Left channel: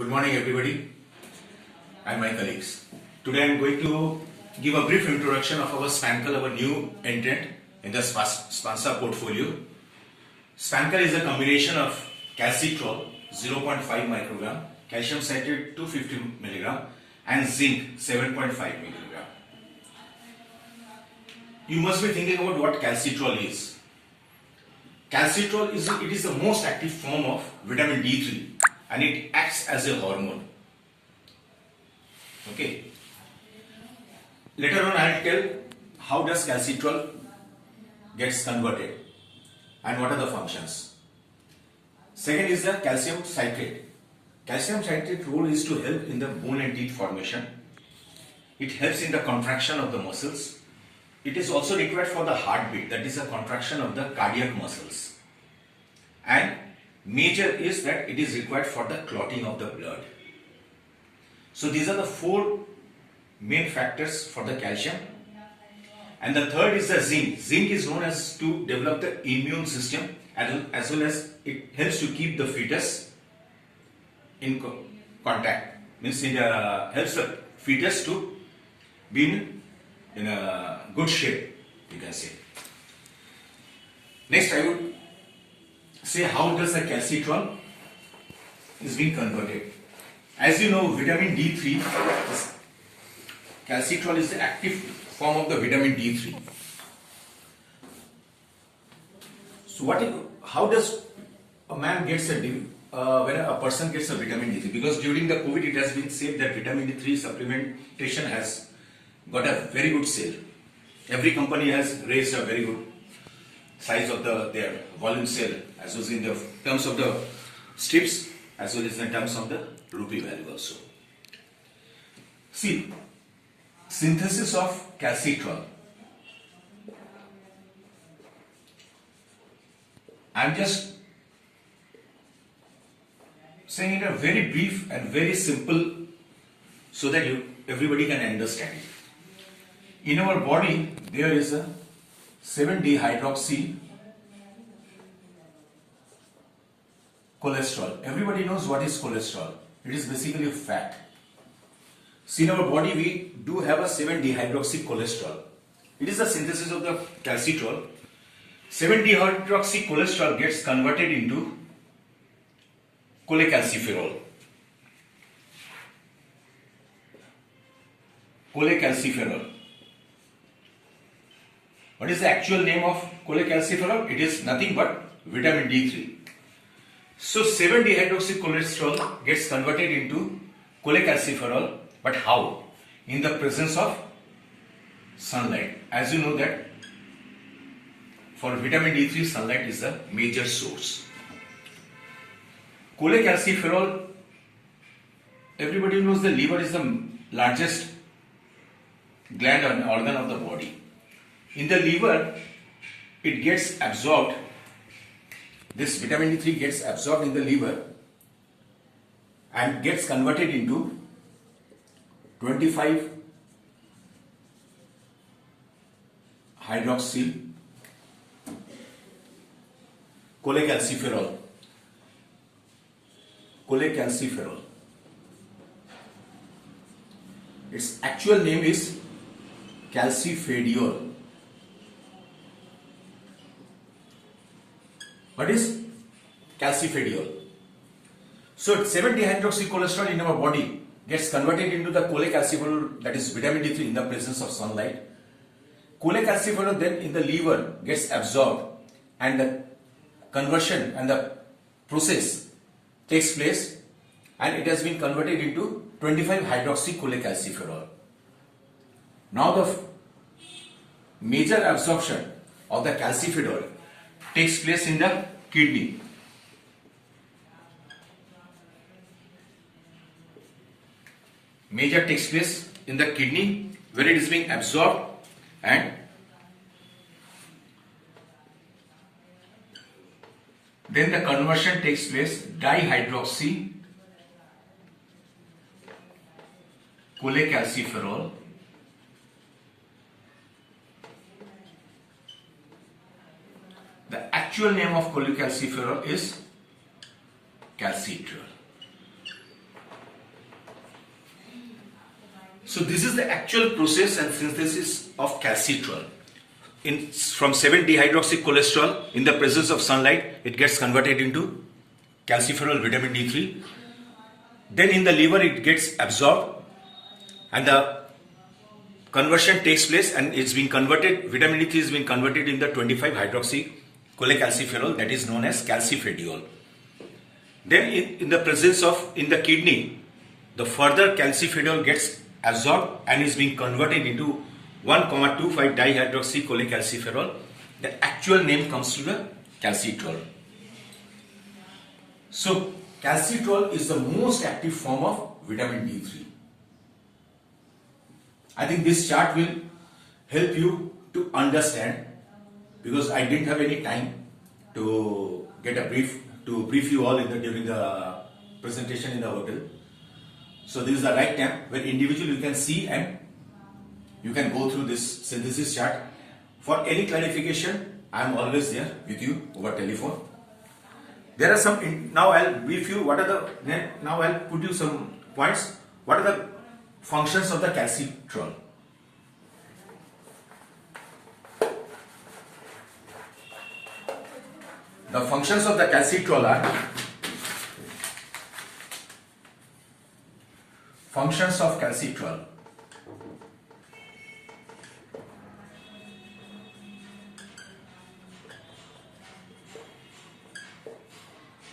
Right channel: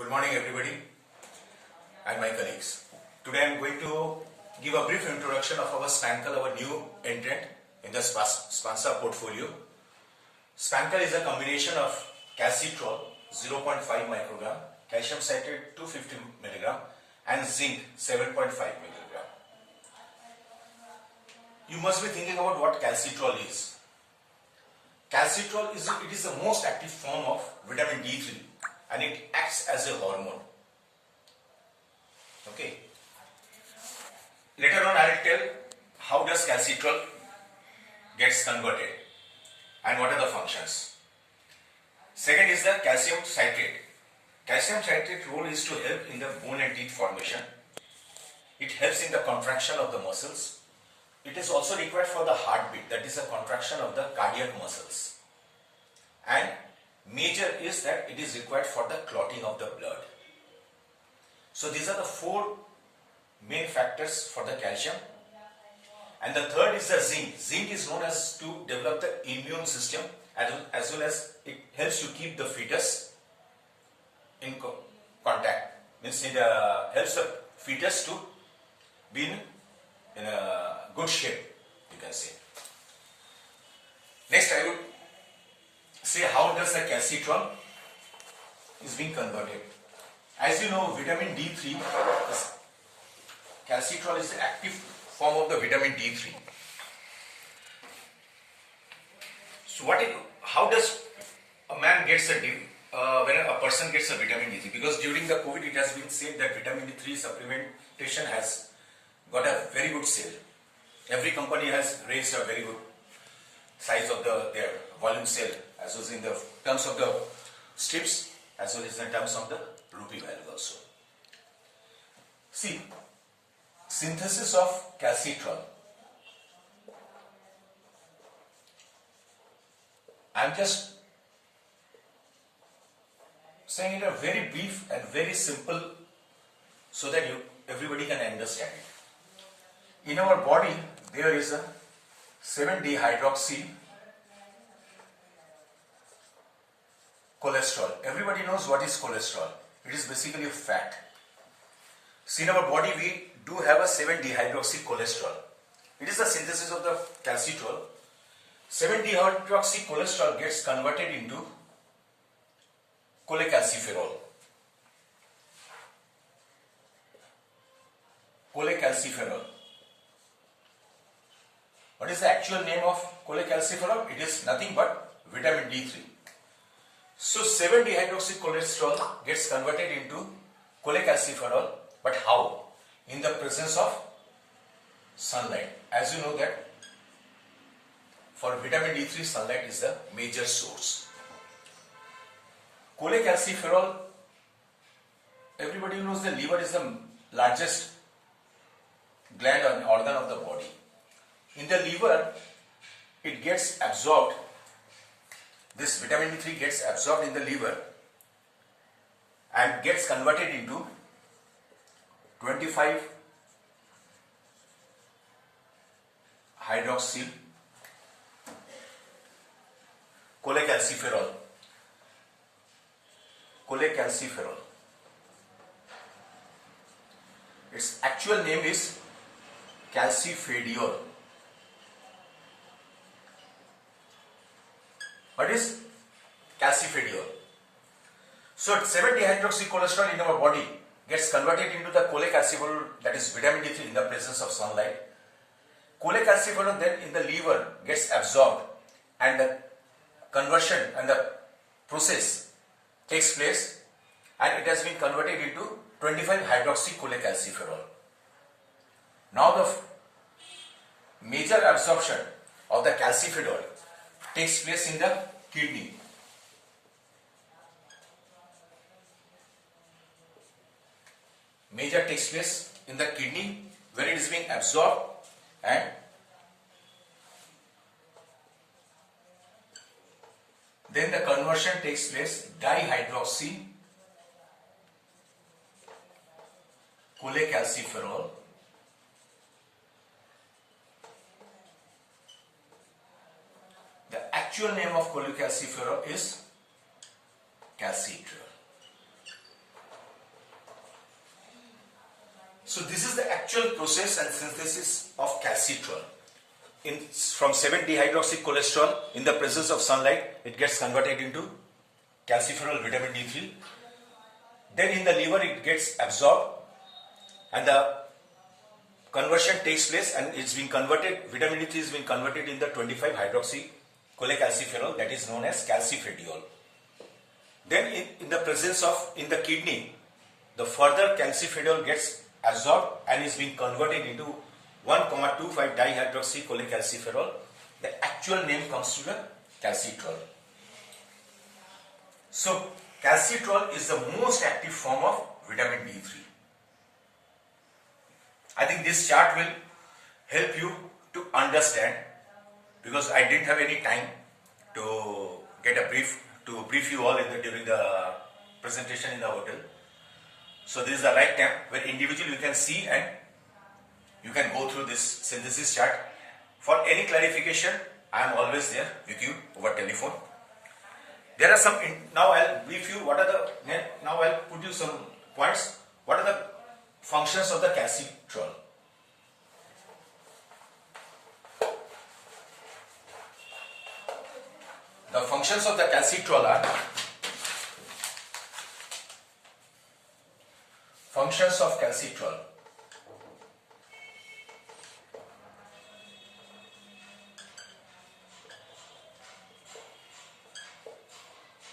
Good morning everybody and my colleagues. Today I am going to give a brief introduction of our Spancal, our new entrant in the Spancal portfolio. Spancal is a combination of calcitrol 0.5 microgram, calcium citrate 250 milligram and zinc 7.5 milligram. You must be thinking about what calcitrol is. Calcitrol is the most active form of vitamin D3 and it acts as a hormone. Okay. Later on I will tell how does calcitrol gets converted and what are the functions. Second is the calcium citrate. Calcium citrate role is to help in the bone and teeth formation. It helps in the contraction of the muscles. It is also required for the heartbeat, that is the contraction of the cardiac muscles. And major is that it is required for the clotting of the blood. So these are the four main factors for the calcium. And the third is the zinc. Zinc is known as to develop the immune system as well as it helps to keep the fetus in contact. Means it helps the fetus to be in a good shape, you can say. Next I would say how does the calcitrol is being converted. As you know, vitamin D3 calcitrol is the active form of the vitamin D3. So how does a man gets when a person gets a vitamin D3? Because during the COVID it has been said that vitamin D3 supplementation has got a very good sale. Every company has raised a very good size of their volume sale, as well as in the terms of the strips, as well as in terms of the rupee value also. See, synthesis of calcitrol. I am just saying it a very brief and very simple so that everybody can understand it. In our body, there is a 7-dehydroxy cholesterol. Everybody knows what is cholesterol. It is basically a fat. See, in our body, we do have a 7-dehydroxy cholesterol. It is the synthesis of the calcitrol. 7-dehydroxy cholesterol gets converted into cholecalciferol. Cholecalciferol. What is the actual name of cholecalciferol? It is nothing but vitamin D3. So 7-dehydroxy cholesterol gets converted into cholecalciferol, but how? In the presence of sunlight. As you know that for vitamin D3, sunlight is the major source. Cholecalciferol, everybody knows the liver is the largest gland or organ of the body. In the liver, it gets absorbed. This vitamin D3 gets absorbed in the liver and gets converted into 25 hydroxyl cholecalciferol. Cholecalciferol. Its actual name is calcifediol. What is calcifediol? So 7-dehydroxy cholesterol in our body gets converted into the cholecalciferol, that is vitamin D3, in the presence of sunlight. Cholecalciferol then in the liver gets absorbed and the conversion and the process takes place and it has been converted into 25 hydroxy cholecalciferol. Now the major absorption of the calcifediol takes place in the kidney. Major takes place in the kidney where it is being absorbed and then the conversion takes place dihydroxy cholecalciferol The actual name of cholecalciferol is calcitrol. So this is the actual process and synthesis of calcitrol. From 7-dehydroxycholesterol, in the presence of sunlight, it gets converted into calciferol vitamin D3. Then in the liver it gets absorbed and the conversion takes place and it's been converted, vitamin D3 is being converted in the 25-hydroxycholecalciferol, that is known as calcifediol. Then in the presence of, in the kidney, the further calcifediol gets absorbed and is being converted into 1,25-dihydroxycholecalciferol. The actual name comes to the calcitrol. So calcitrol is the most active form of vitamin D3. I think this chart will help you to understand, because I didn't have any time to get a brief you all during the presentation in the hotel. So this is the right time where individually you can see and you can go through this synthesis chart. For any clarification, I am always there with you over telephone. There are some, now I'll brief you now I'll put you some points. What are the functions of the calcitrol? The functions of the calcitrol are functions of calcitrol.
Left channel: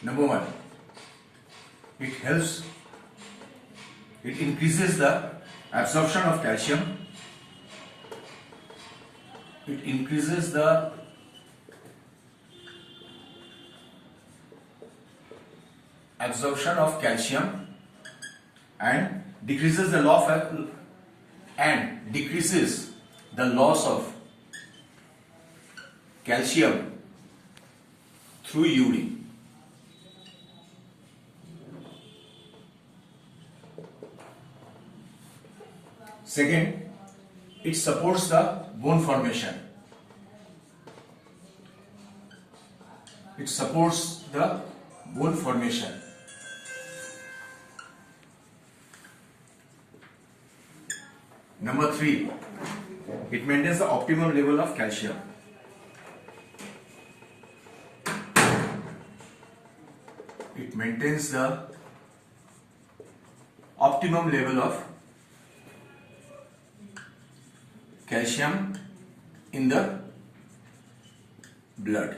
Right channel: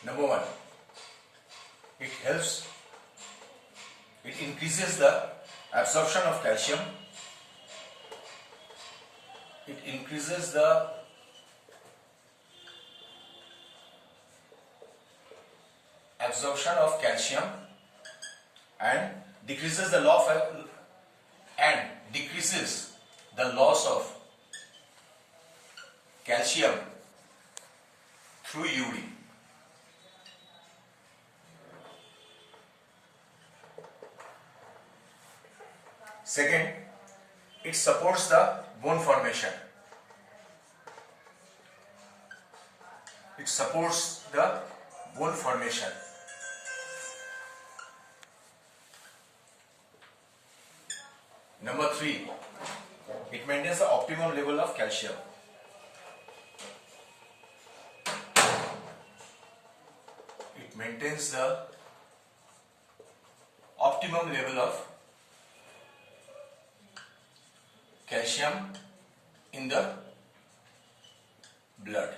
Number one, it increases the absorption of calcium. It increases the absorption of calcium and decreases the loss of calcium through urine. Second, it supports the bone formation. It supports the bone formation. Number three, it maintains the optimum level of calcium. It maintains the optimum level of calcium in the blood.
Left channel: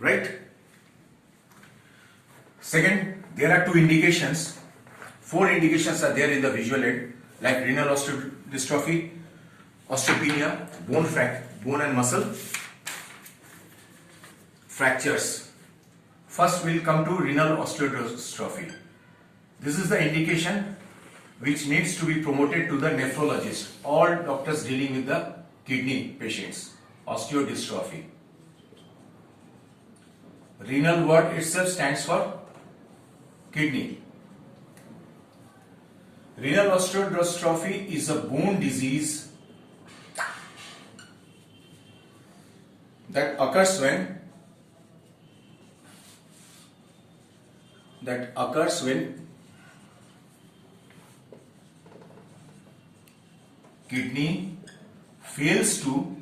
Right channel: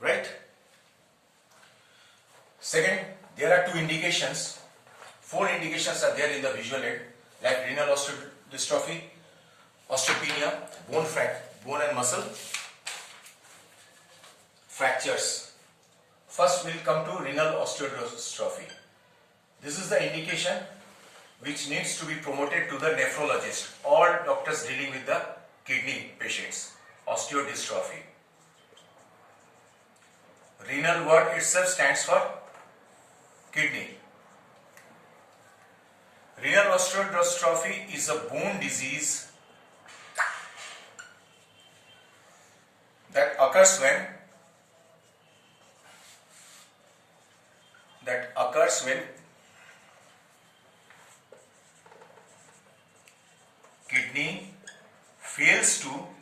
Right? Second, there are 4 indications are there in the visual aid, like renal osteodystrophy, osteopenia, bone and muscle fractures. First we'll come to renal osteodystrophy. This is the indication which needs to be promoted to the nephrologist, all doctors dealing with the kidney patients. Osteodystrophy. Renal word itself stands for kidney. Renal osteodystrophy is a bone disease that occurs when kidney fails to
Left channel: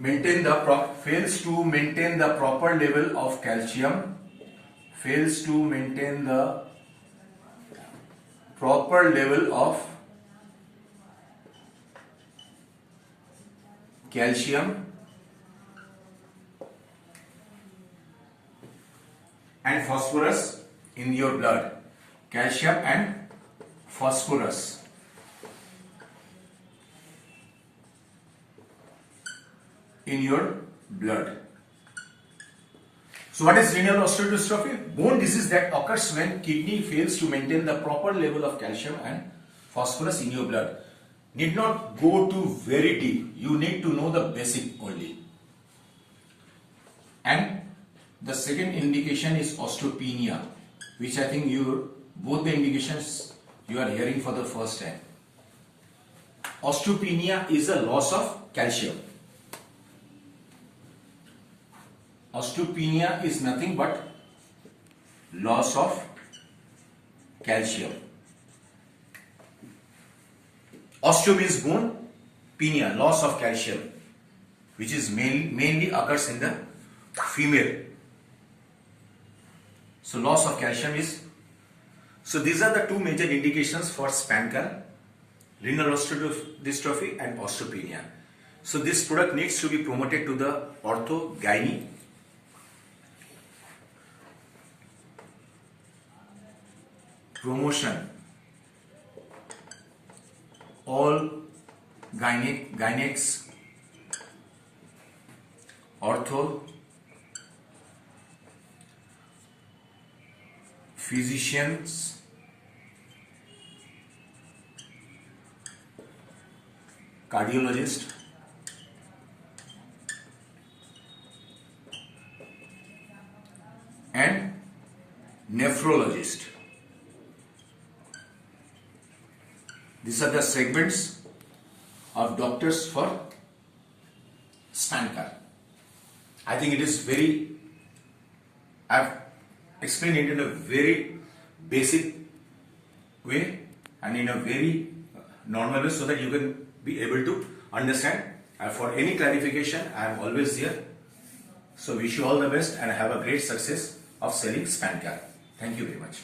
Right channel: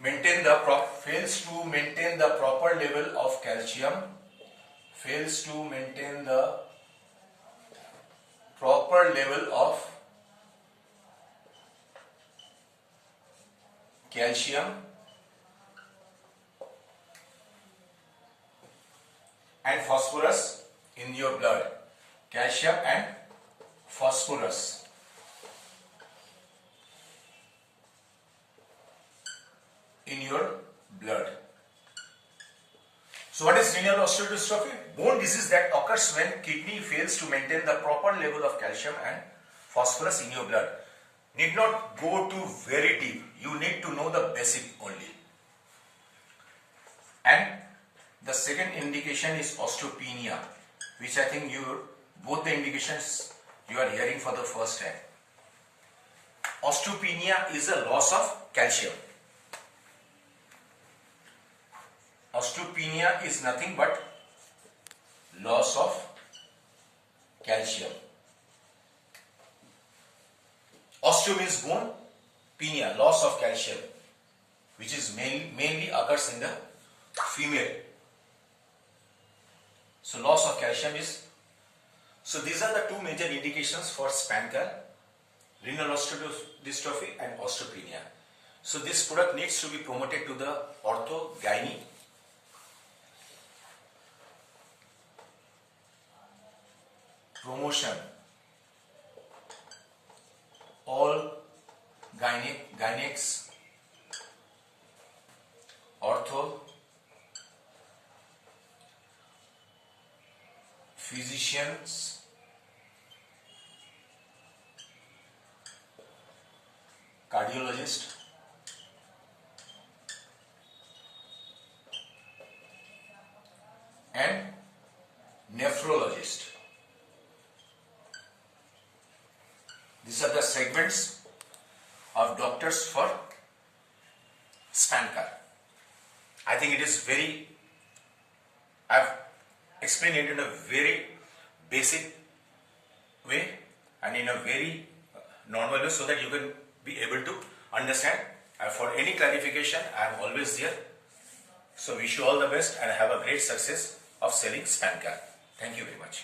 maintain the proper level of calcium, and phosphorus in your blood. Calcium and phosphorus in your blood. So what is renal osteodystrophy? Bone disease that occurs when kidney fails to maintain the proper level of calcium and phosphorus in your blood. Need not go to very deep. You need to know the basic only. And the second indication is osteopenia, which I think both the indications you are hearing for the first time. Osteopenia is a loss of calcium. Osteopenia is nothing but loss of calcium. Osteo means bone, penia, loss of calcium, which is mainly occurs in the female. So loss of calcium is, so these are the two major indications for Spancal, renal osteodystrophy and osteopenia. So this product needs to be promoted to the ortho, gynae, promotion, all gynacs, ortho, physicians, cardiologist, and nephrologist. These are the segments of doctors for Spancal. I think it is very, I've explained it in a very basic way and in a very normal way so that you can be able to understand. For any clarification, I am always here. So wish you all the best and have a great success of selling Spancal. Thank you very much.